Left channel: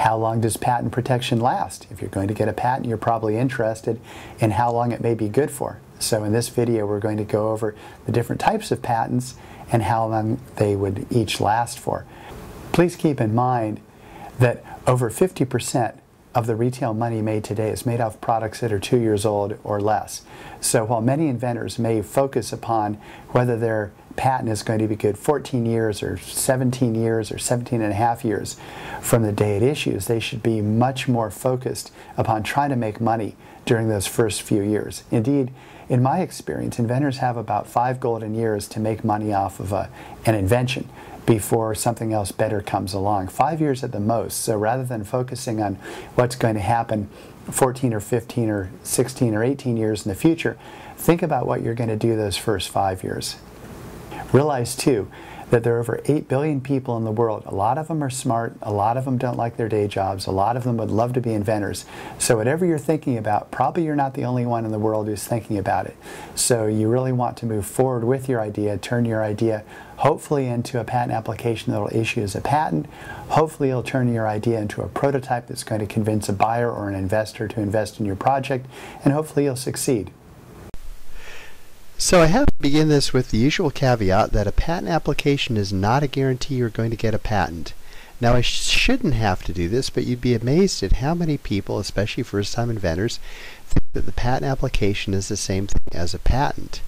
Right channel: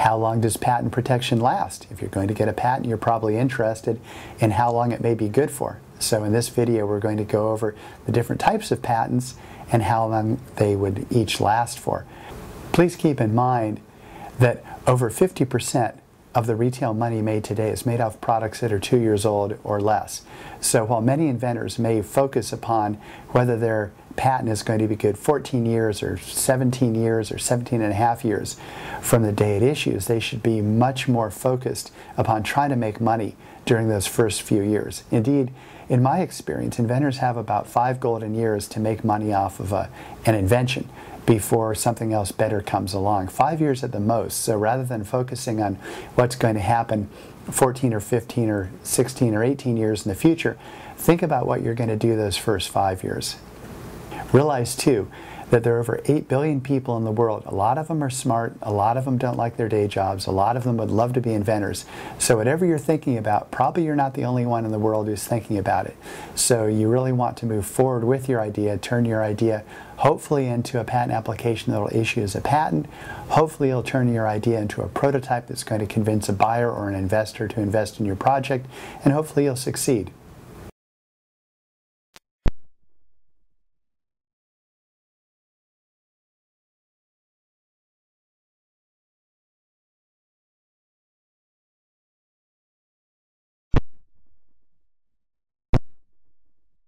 How long does patent protection last? If you're going to get a patent, you're probably interested in how long it may be good for. So in this video, we're going to go over the different types of patents and how long they would each last for. Please keep in mind that over 50% of the retail money made today is made off products that are 2 years old or less. So while many inventors may focus upon whether their patent is going to be good 14 years or 17 years or 17 and a half years from the day it issues, they should be much more focused upon trying to make money during those first few years. Indeed, in my experience, inventors have about 5 golden years to make money off of an invention before something else better comes along. 5 years at the most. So rather than focusing on what's going to happen 14 or 15 or 16 or 18 years in the future, think about what you're going to do those first 5 years. Realize too that there are over 8 billion people in the world. A lot of them are smart, a lot of them don't like their day jobs, a lot of them would love to be inventors. So whatever you're thinking about, probably you're not the only one in the world who's thinking about it. So you really want to move forward with your idea, turn your idea hopefully into a patent application that will issue as a patent. Hopefully you'll turn your idea into a prototype that's going to convince a buyer or an investor to invest in your project, and hopefully you'll succeed. So I have to begin this with the usual caveat that a patent application is not a guarantee you're going to get a patent. Now I shouldn't have to do this, but you'd be amazed at how many people, especially first-time inventors, think that the patent application is the same thing as a patent.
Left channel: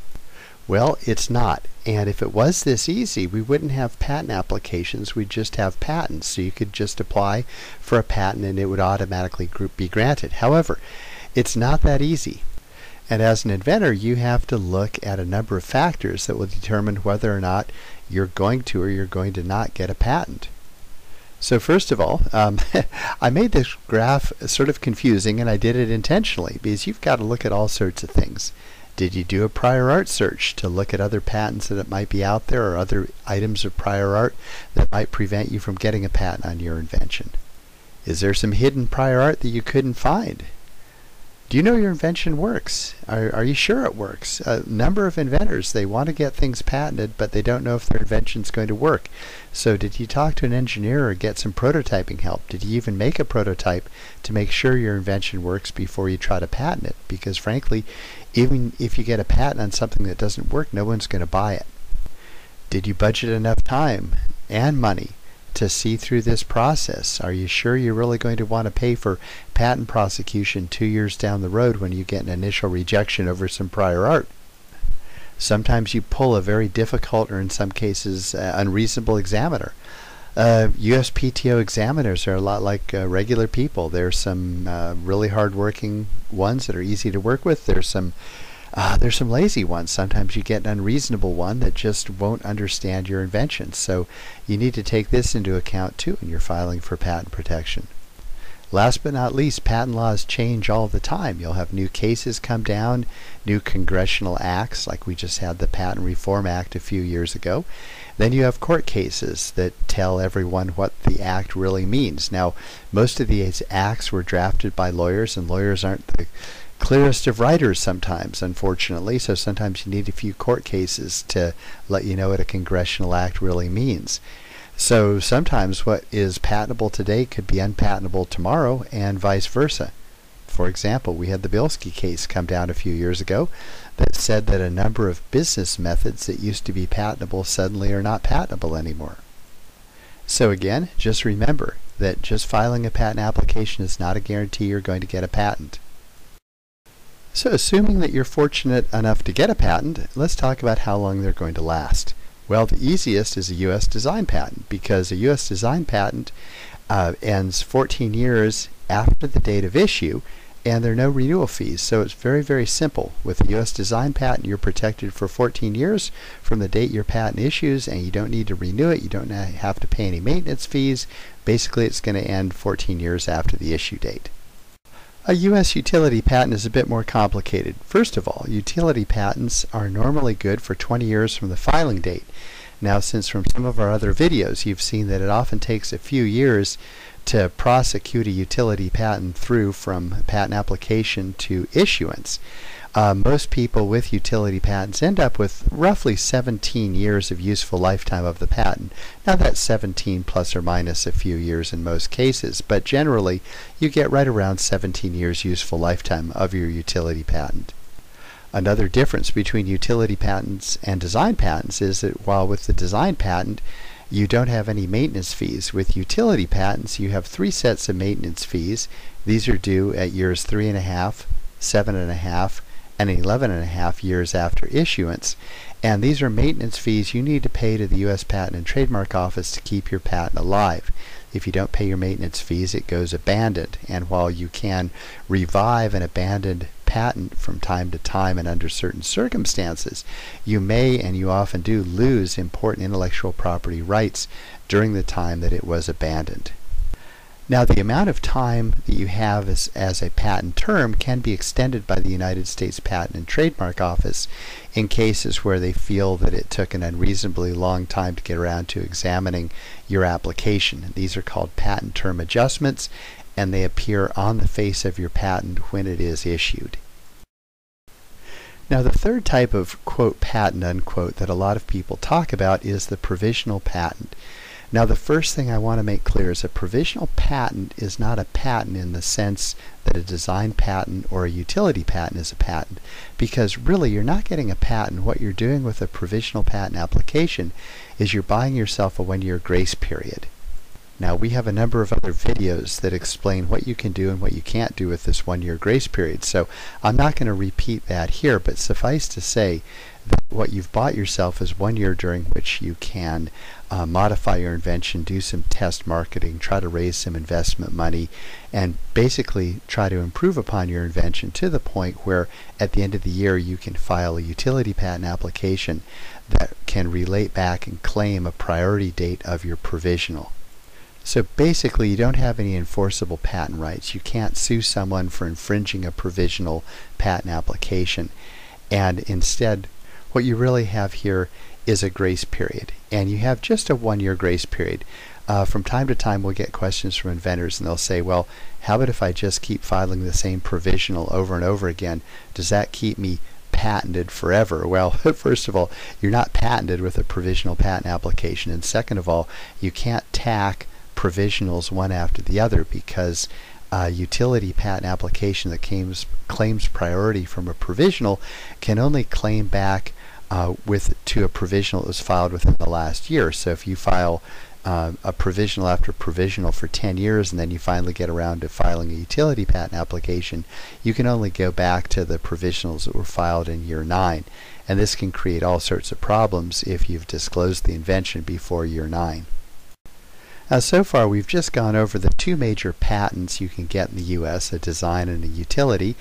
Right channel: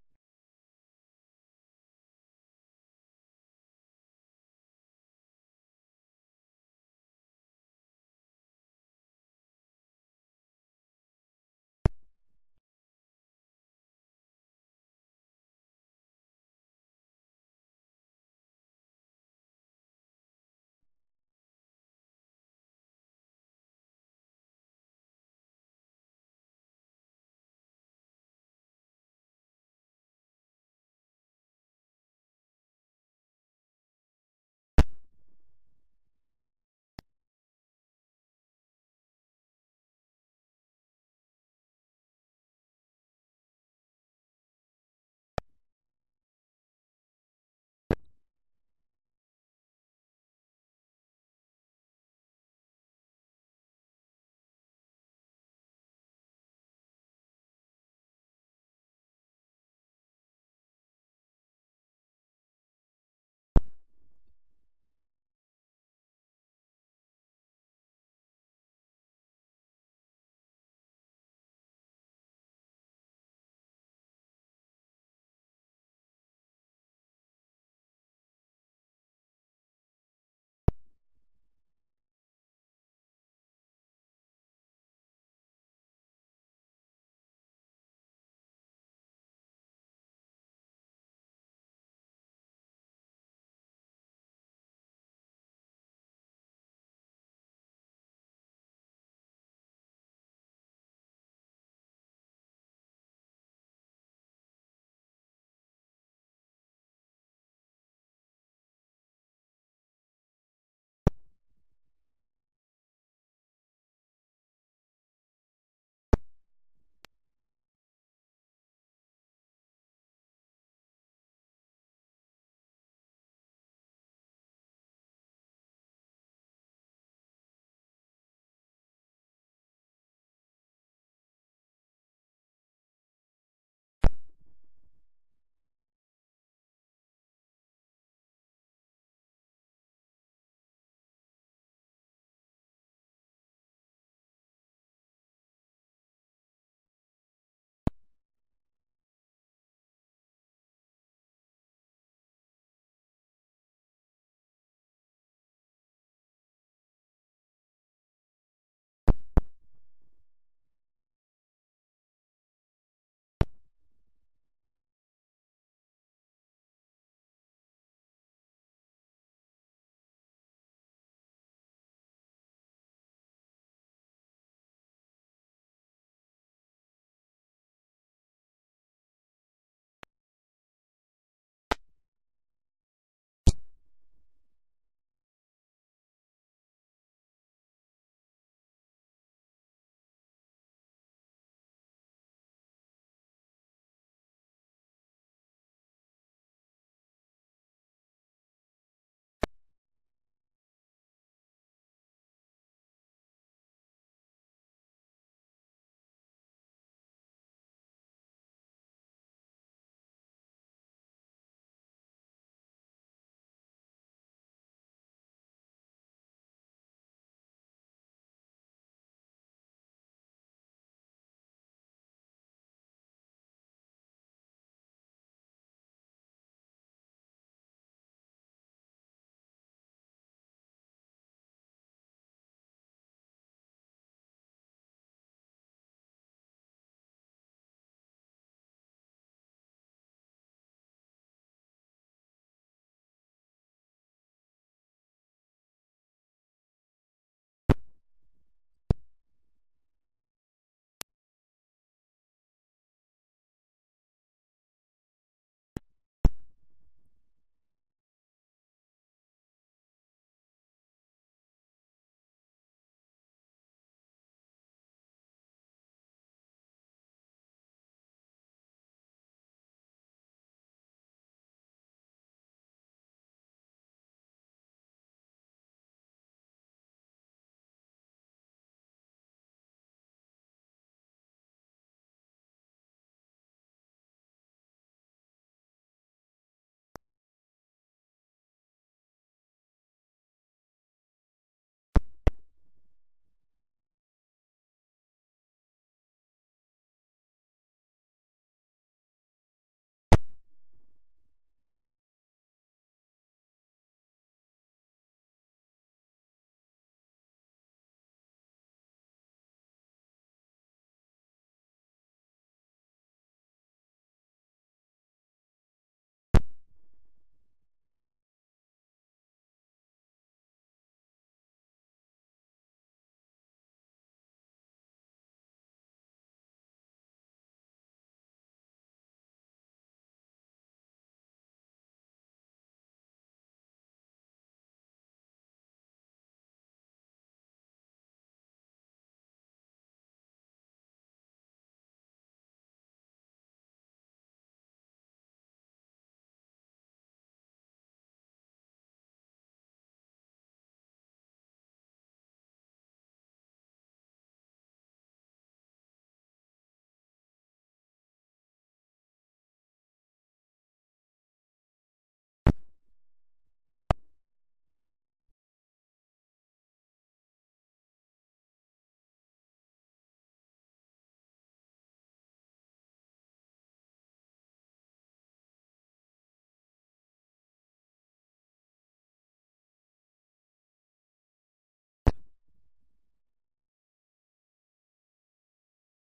Well, it's not. And if it was this easy, we wouldn't have patent applications, we'd just have patents. So you could just apply for a patent and it would automatically be granted. However, it's not that easy. And as an inventor, you have to look at a number of factors that will determine whether or not you're going to or you're going to not get a patent. So first of all, I made this graph sort of confusing, and I did it intentionally because you've got to look at all sorts of things. Did you do a prior art search to look at other patents that might be out there or other items of prior art that might prevent you from getting a patent on your invention? Is there some hidden prior art that you couldn't find? Do you know your invention works? Are you sure it works? A number of inventors, they want to get things patented, but they don't know if their invention's going to work. So did you talk to an engineer or get some prototyping help? Did you even make a prototype to make sure your invention works before you try to patent it? Because frankly, even if you get a patent on something that doesn't work, no one's going to buy it. Did you budget enough time and money to see through this process? Are you sure you're really going to want to pay for patent prosecution 2 years down the road when you get an initial rejection over some prior art? Sometimes you pull a very difficult, or in some cases unreasonable examiner. USPTO examiners are a lot like regular people. There's some really hard-working ones that are easy to work with. There's some lazy ones. Sometimes you get an unreasonable one that just won't understand your invention. So you need to take this into account too when you're filing for patent protection. Last but not least, patent laws change all the time. You'll have new cases come down, new congressional acts, like we just had the Patent Reform Act a few years ago. Then you have court cases that tell everyone what the act really means. Now, most of these acts were drafted by lawyers, and lawyers aren't the clearest of writers sometimes, unfortunately, so sometimes you need a few court cases to let you know what a congressional act really means. So sometimes what is patentable today could be unpatentable tomorrow, and vice versa. For example, we had the Bilski case come down a few years ago that said that a number of business methods that used to be patentable suddenly are not patentable anymore. So again, just remember that just filing a patent application is not a guarantee you're going to get a patent. So assuming that you're fortunate enough to get a patent, let's talk about how long they're going to last. Well, the easiest is a U.S. design patent, because a U.S. design patent ends 14 years after the date of issue, and there are no renewal fees. So it's very, very simple. With a U.S. design patent, you're protected for 14 years from the date your patent issues, and you don't need to renew it. You don't have to pay any maintenance fees. Basically, it's going to end 14 years after the issue date. A U.S. utility patent is a bit more complicated. First of all, utility patents are normally good for 20 years from the filing date. Now, since from some of our other videos you've seen that it often takes a few years to prosecute a utility patent through from patent application to issuance, Most people with utility patents end up with roughly 17 years of useful lifetime of the patent. Now that's 17 plus or minus a few years in most cases, but generally you get right around 17 years useful lifetime of your utility patent. Another difference between utility patents and design patents is that while with the design patent you don't have any maintenance fees, with utility patents you have 3 sets of maintenance fees. These are due at years 3.5, 7.5, and 11.5 years after issuance, and these are maintenance fees you need to pay to the U.S. Patent and Trademark Office to keep your patent alive. If you don't pay your maintenance fees, it goes abandoned, and while you can revive an abandoned patent from time to time and under certain circumstances, you may, and you often do, lose important intellectual property rights during the time that it was abandoned. Now, the amount of time that you have as a patent term can be extended by the United States Patent and Trademark Office in cases where they feel that it took an unreasonably long time to get around to examining your application. These are called patent term adjustments, and they appear on the face of your patent when it is issued. Now, the third type of quote patent unquote that a lot of people talk about is the provisional patent. Now, the first thing I want to make clear is a provisional patent is not a patent in the sense that a design patent or a utility patent is a patent, because really you're not getting a patent. What you're doing with a provisional patent application is you're buying yourself a 1-year grace period. Now, we have a number of other videos that explain what you can do and what you can't do with this 1-year grace period, so I'm not going to repeat that here, but suffice to say that what you've bought yourself is 1 year during which you can modify your invention, do some test marketing, try to raise some investment money, and basically try to improve upon your invention to the point where at the end of the year you can file a utility patent application that can relate back and claim a priority date of your provisional. So basically you don't have any enforceable patent rights. You can't sue someone for infringing a provisional patent application, and instead what you really have here is a grace period, and you have just a 1-year grace period. From time to time we'll get questions from inventors and they'll say, well, how about if I just keep filing the same provisional over and over again? Does that keep me patented forever? Well, first of all, you're not patented with a provisional patent application, and second of all, you can't tack provisionals one after the other, because a utility patent application that claims priority from a provisional can only claim back to a provisional that was filed within the last year. So if you file a provisional after provisional for 10 years and then you finally get around to filing a utility patent application, you can only go back to the provisionals that were filed in year 9. And this can create all sorts of problems if you've disclosed the invention before year 9. So far we've just gone over the 2 major patents you can get in the U.S., a design and a utility.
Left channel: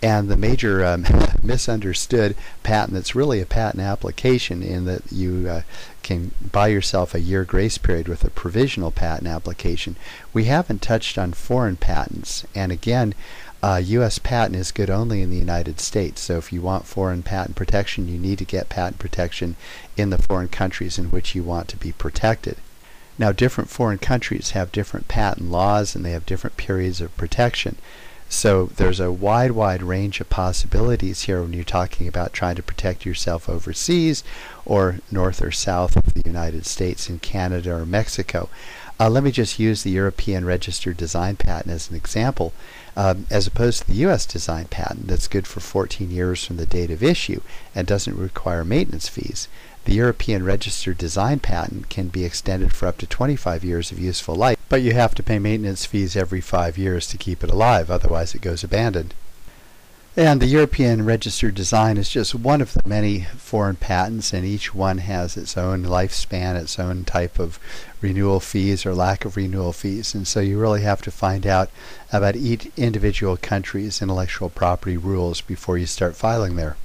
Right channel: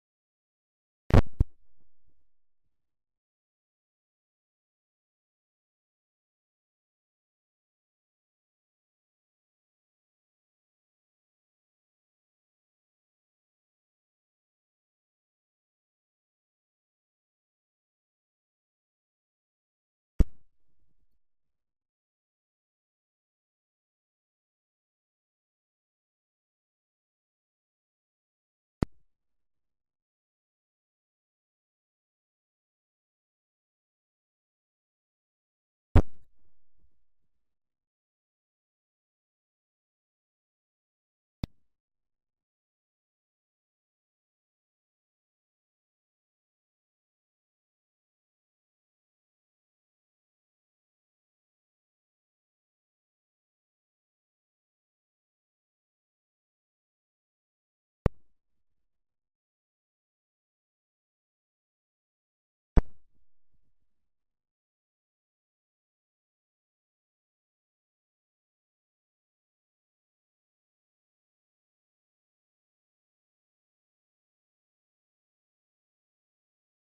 And the major misunderstood patent that's really a patent application, in that you can buy yourself a 1-year grace period with a provisional patent application. We haven't touched on foreign patents, and again, U.S. patent is good only in the United States. So if you want foreign patent protection, you need to get patent protection in the foreign countries in which you want to be protected. Now, different foreign countries have different patent laws and they have different periods of protection. So there's a wide range of possibilities here when you're talking about trying to protect yourself overseas or north or south of the United States, in Canada or Mexico. Let me just use the European Registered Design Patent as an example. As opposed to the U.S. design patent that's good for 14 years from the date of issue and doesn't require maintenance fees, the European Registered Design Patent can be extended for up to 25 years of useful life, but you have to pay maintenance fees every 5 years to keep it alive, otherwise it goes abandoned. And the European Registered Design is just one of the many foreign patents, and each one has its own lifespan, its own type of renewal fees or lack of renewal fees, and so you really have to find out about each individual country's intellectual property rules before you start filing there.